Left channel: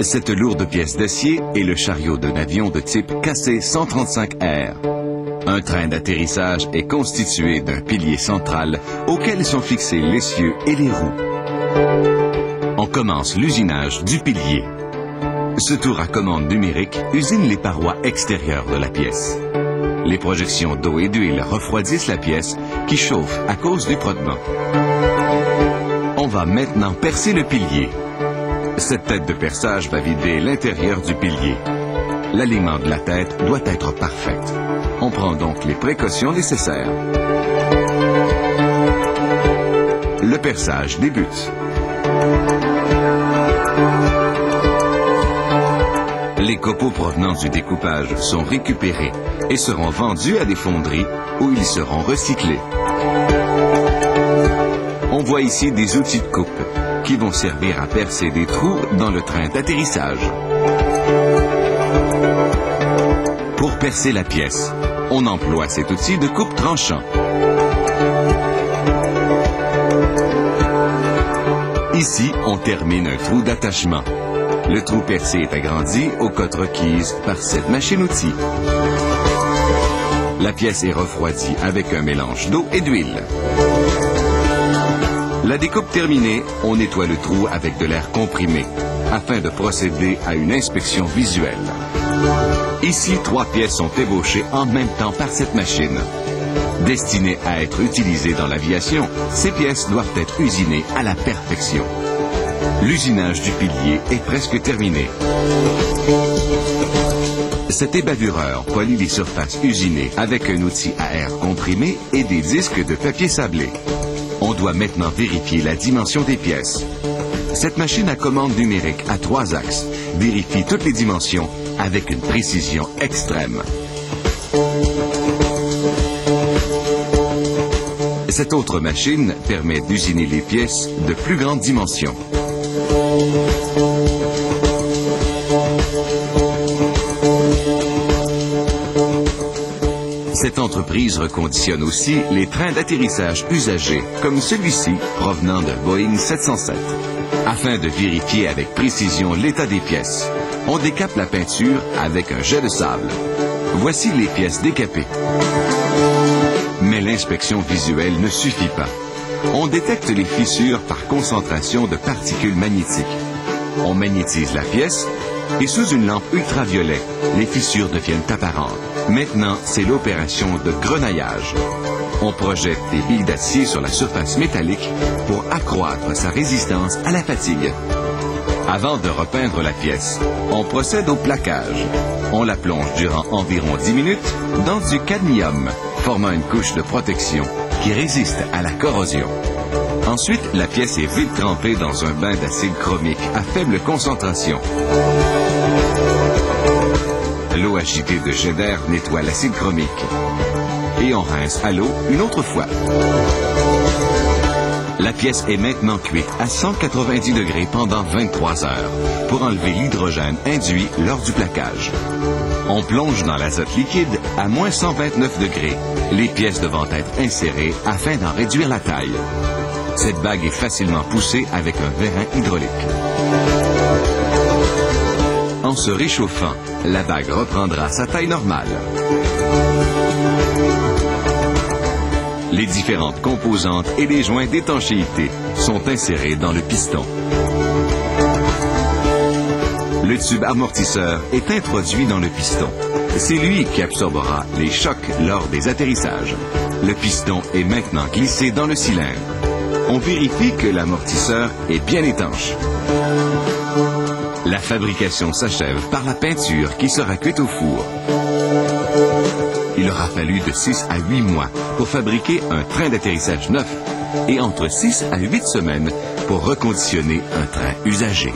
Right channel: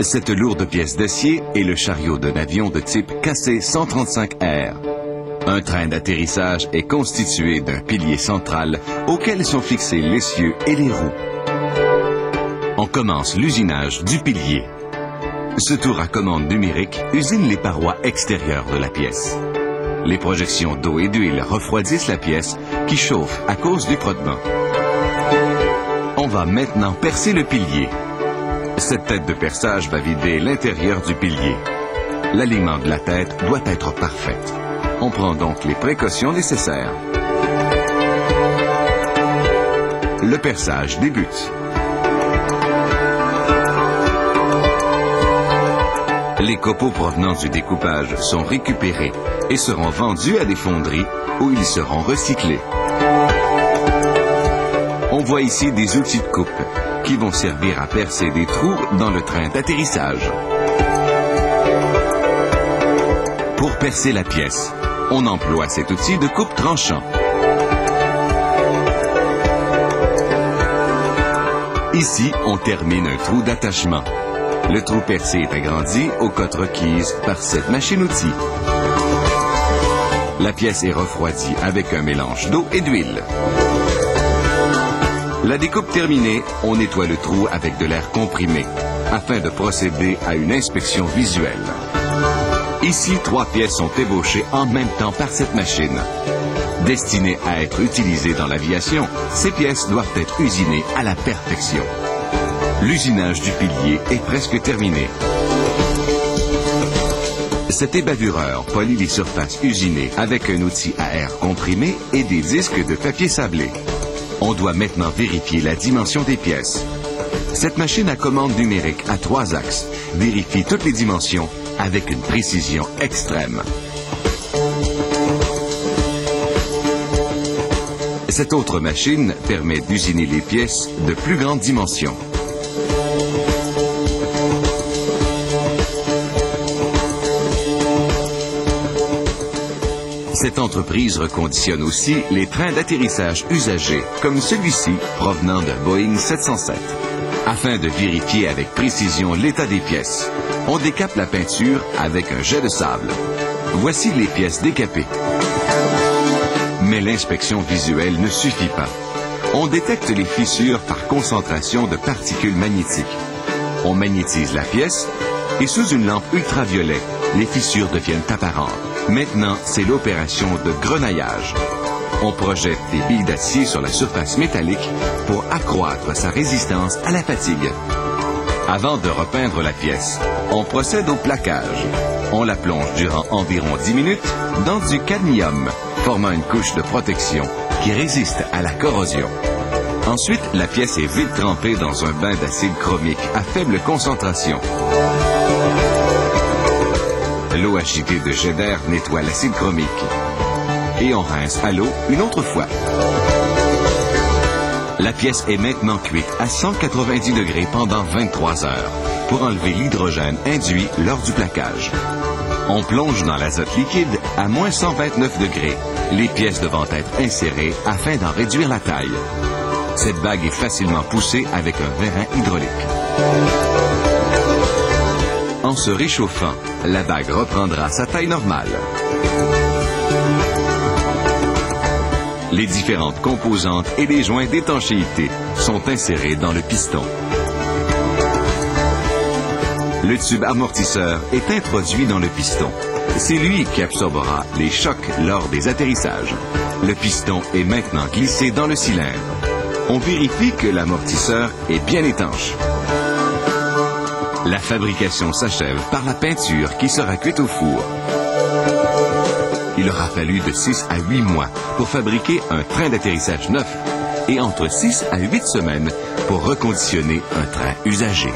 Cette lourde pièce d'acier est le chariot d'un avion de type KC-135R. Un train d'atterrissage est constitué d'un pilier central auquel sont fixés l'essieu et les roues. On commence l'usinage du pilier. Ce tour à commande numérique usine les parois extérieures de la pièce. Les projections d'eau et d'huile refroidissent la pièce qui chauffe à cause du frottement. On va maintenant percer le pilier. Cette tête de perçage va vider l'intérieur du pilier. L'alignement de la tête doit être parfaite. On prend donc les précautions nécessaires. Le perçage débute. Les copeaux provenant du découpage sont récupérés et seront vendus à des fonderies où ils seront recyclés. On voit ici des outils de coupe qui vont servir à percer des trous dans le train d'atterrissage. Pour percer la pièce, on emploie cet outil de coupe tranchant. Ici, on termine un trou d'attachement. Le trou percé est agrandi aux cotes requises par cette machine-outil. La pièce est refroidie avec un mélange d'eau et d'huile. La découpe terminée, on nettoie le trou avec de l'air comprimé afin de procéder à une inspection visuelle. Ici, 3 pièces sont ébauchées en même temps par cette machine. Destinées à être utilisées dans l'aviation, ces pièces doivent être usinées à la perfection. L'usinage du pilier est presque terminé. Cet ébavureur polit les surfaces usinées avec un outil à air comprimé et des disques de papier sablé. On doit maintenant vérifier la dimension des pièces. Cette machine à commande numérique à 3 axes vérifie toutes les dimensions avec une précision extrême. Cette autre machine permet d'usiner les pièces de plus grande dimension. Cette entreprise reconditionne aussi les trains d'atterrissage usagés, comme celui-ci provenant d'un Boeing 707. Afin de vérifier avec précision l'état des pièces, on décape la peinture avec un jet de sable. Voici les pièces décapées. Mais l'inspection visuelle ne suffit pas. On détecte les fissures par concentration de particules magnétiques. On magnétise la pièce et sous une lampe ultraviolet, les fissures deviennent apparentes. Maintenant, c'est l'opération de grenaillage. On projette des billes d'acier sur la surface métallique pour accroître sa résistance à la fatigue. Avant de repeindre la pièce, on procède au plaquage. On la plonge durant environ 10 minutes dans du cadmium, formant une couche de protection qui résiste à la corrosion. Ensuite, la pièce est vite trempée dans un bain d'acide chromique à faible concentration. L'eau agitée de jet d'air nettoie l'acide chromique. Et on rince à l'eau une autre fois. La pièce est maintenant cuite à 190 degrés pendant 23 heures pour enlever l'hydrogène induit lors du plaquage. On plonge dans l'azote liquide à moins 129 degrés, les pièces devant être insérées afin d'en réduire la taille. Cette bague est facilement poussée avec un vérin hydraulique. En se réchauffant, la bague reprendra sa taille normale. Les différentes composantes et les joints d'étanchéité sont insérés dans le piston. Le tube amortisseur est introduit dans le piston. C'est lui qui absorbera les chocs lors des atterrissages. Le piston est maintenant glissé dans le cylindre. On vérifie que l'amortisseur est bien étanche. La fabrication s'achève par la peinture qui sera cuite au four. Il aura fallu de 6 à 8 mois pour fabriquer un train d'atterrissage neuf et entre 6 à 8 semaines pour reconditionner un train usagé.